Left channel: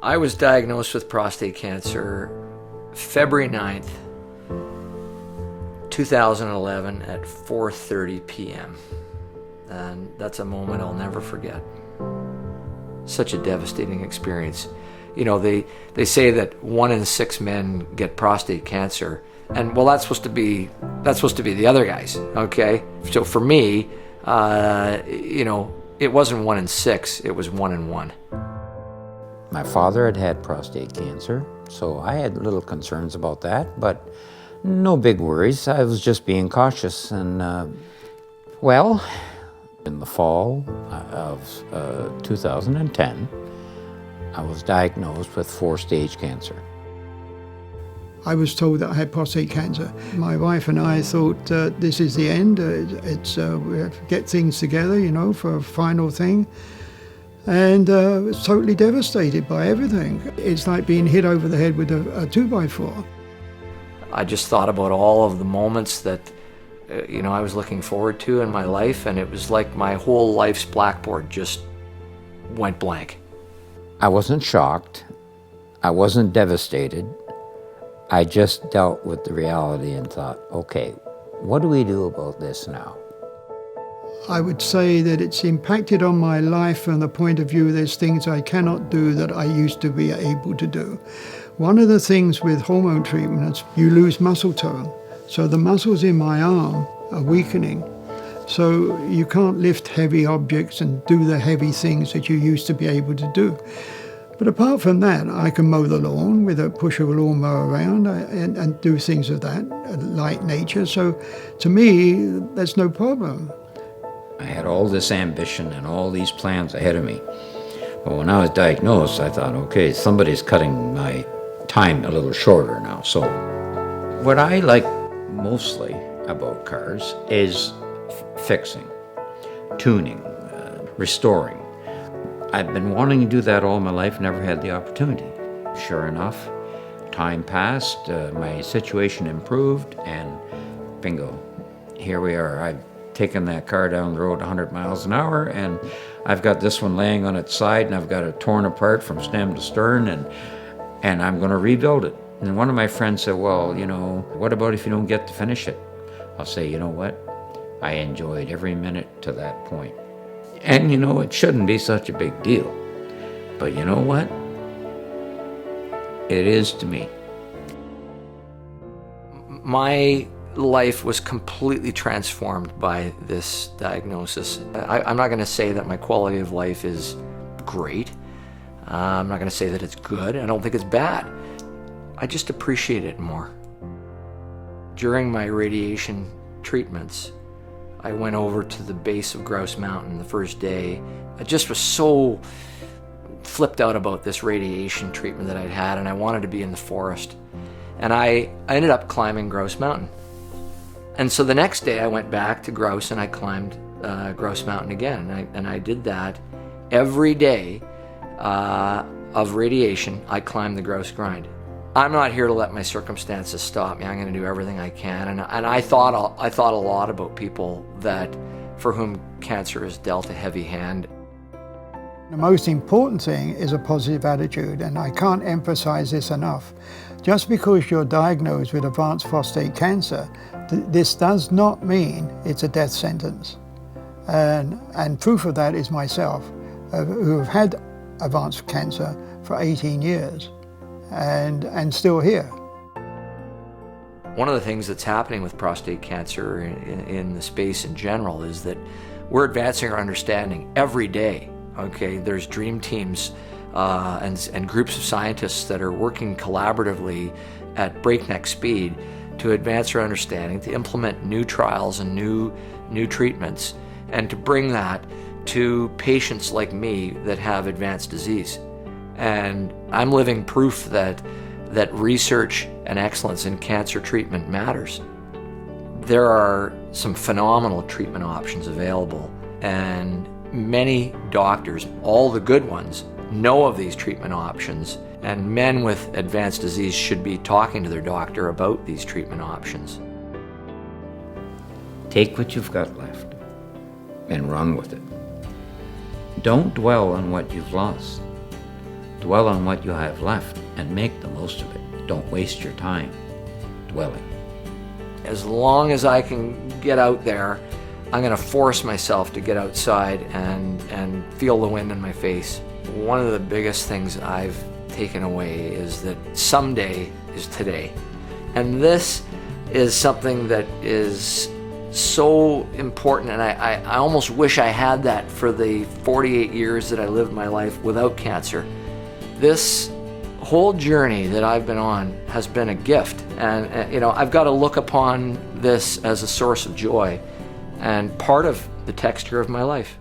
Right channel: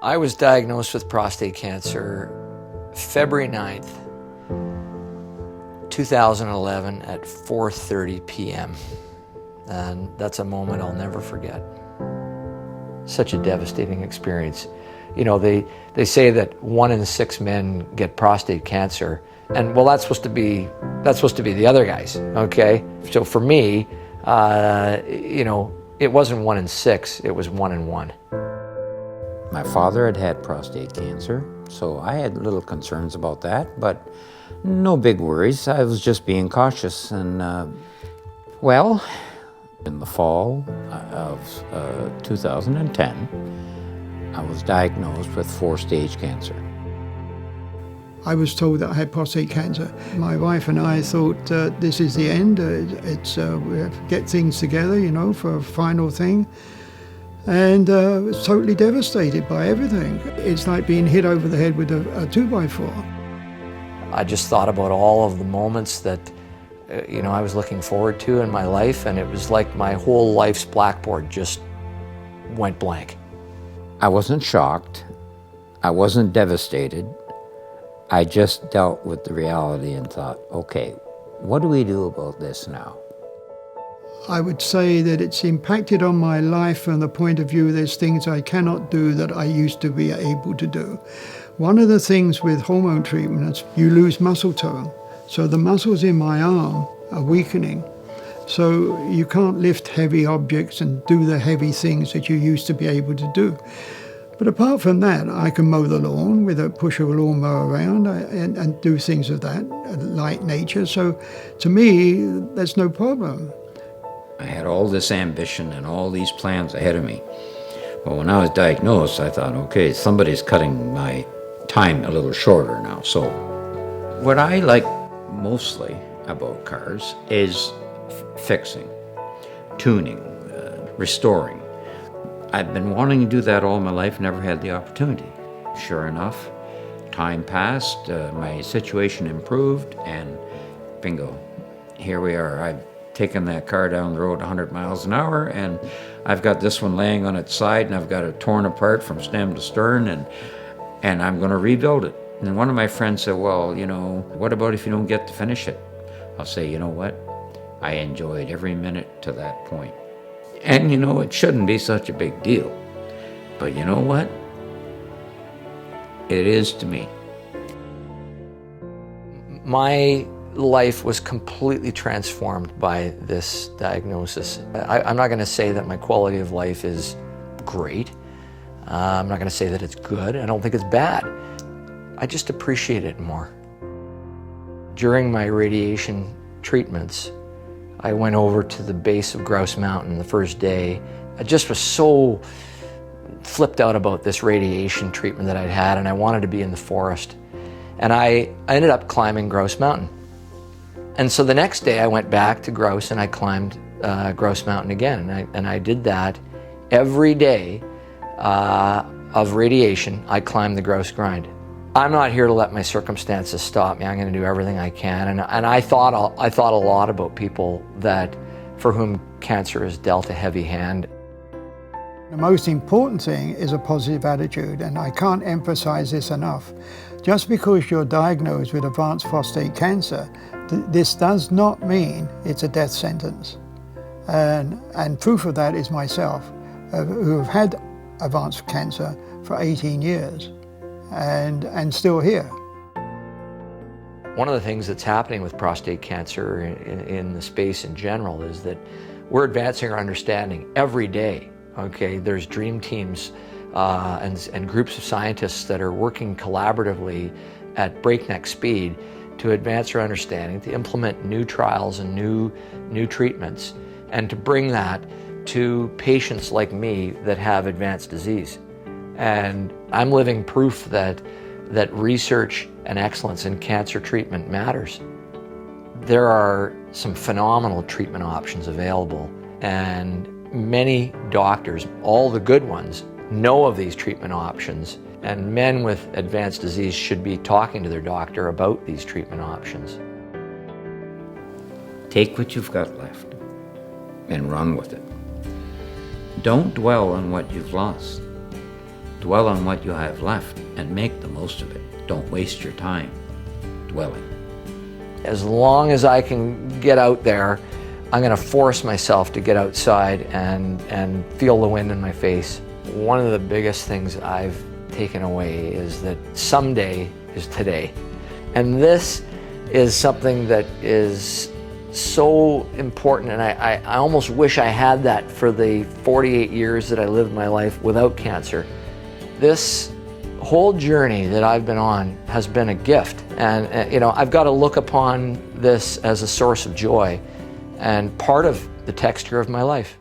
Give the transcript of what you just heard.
I was diagnosed with prostate cancer February 9th, 2011 at 4:30 p.m. And that's a moment I'll never forget. Such a devastating experience. You know, they say that 1 in 6 men get prostate cancer, and well, that's supposed to be the other guys, okay? So for me, you know, it wasn't 1 in 6, it was 1 in 1. My father had had prostate cancer, so I had little concerns about that, but no big worries. I was just being cautious, and well, in the fall of 2010, I was diagnosed with 4-stage cancer. I was told that I had prostate cancer. My wife and I thought this is the end. We have to get things together, you know, for a final thing. And was totally devastated by everything. It's like being hit over the head with a 2x4. I just thought about all of the moments that you know, I was looking forward to in my life, and it was like my whole life's blackboard just went blank. I wasn't shocked. I wasn't devastated. I just dealt with the reality and thought, okay, what do we do about this now? I would say that it's impacted on my life from the point of view there's things I cannot do that I used to be able to do. One of the things with hormone treatment is you lose muscle tone. So the muscles in my arm are weakening. So you can't lift heavy objects and do the heavy things that you used to be able to do. But apart from that, I can mow the lawn with a push of a lawnmower around and do things of that light nature. So to me, that's no problem. I had all this ambition and all these plans ahead of me. Well, when I was diagnosed, I thought, okay, somebody's cutting my time a little shorter now. So what I like mostly about cars is fixing, tuning, restoring. I've been wanting to do that all my life, never had the opportunity. Sure enough, time passed, my situation improved, and bingo, here we are. I've taken that car down the road 100 miles an hour, and I've got this one laying on its side, and I've got it torn apart from stem to stern, and I'm going to rebuild it. And one of my friends said, well, you know, what about if you don't get to finish it? I'll say, you know what? I enjoyed every minute to that point. And, you know, it shouldn't be such a big deal. But you know what? It is to me. My life was completely transformed by this diagnosis. I'm not going to say that my quality of life is great. I'm not going to say that it's good. I don't think it's bad. I just appreciate it more. During my radiation treatments, I went over to the base of Grouse Mountain the first day. I just was so flipped out about this radiation treatment that I'd had, and I wanted to be in the forest. And I ended up climbing Grouse Mountain. And so the next day I went back to Grouse and I climbed Grouse Mountain again. And I did that every day of radiation. I climbed the Grouse Grind. I'm not here to let my circumstances stop me. I'm going to do everything I can. And I thought a lot about people for whom cancer has dealt a heavy hand. The most important thing is a positive attitude, and I can't emphasize this enough. Just because you're diagnosed with advanced prostate cancer, this does not mean it's a death sentence. And proof of that is myself, who have had advanced cancer for 18 years. And still here. One of the things that's happening with prostate cancer in the space in general is that we're advancing our understanding every day. Okay, there's dream teams and groups of scientists that are working collaboratively at breakneck speed to advance our understanding, to implement new trials and new treatments, and to bring that to patients like me that have advanced disease. And I'm living proof that research and excellence in cancer treatment matters. There are some phenomenal treatment options available, and many doctors, all the good ones, know of these treatment options, and men with advanced disease should be talking to their doctor about these treatment options. Take what you've got left and run with it. Don't dwell on what you've lost. Dwell on what you have left and make the most of it. Don't waste your time dwelling. As long as I can get out there, I'm going to force myself to get outside and feel the wind in my face. One of the biggest things I've taken away is that someday is today. And this is something that is so important, and I almost wish I had that for the 48 years that I lived my life without cancer. This whole journey that I've been on has been a gift, and you know, I've got to look upon this as a source of joy and part of the texture of my life.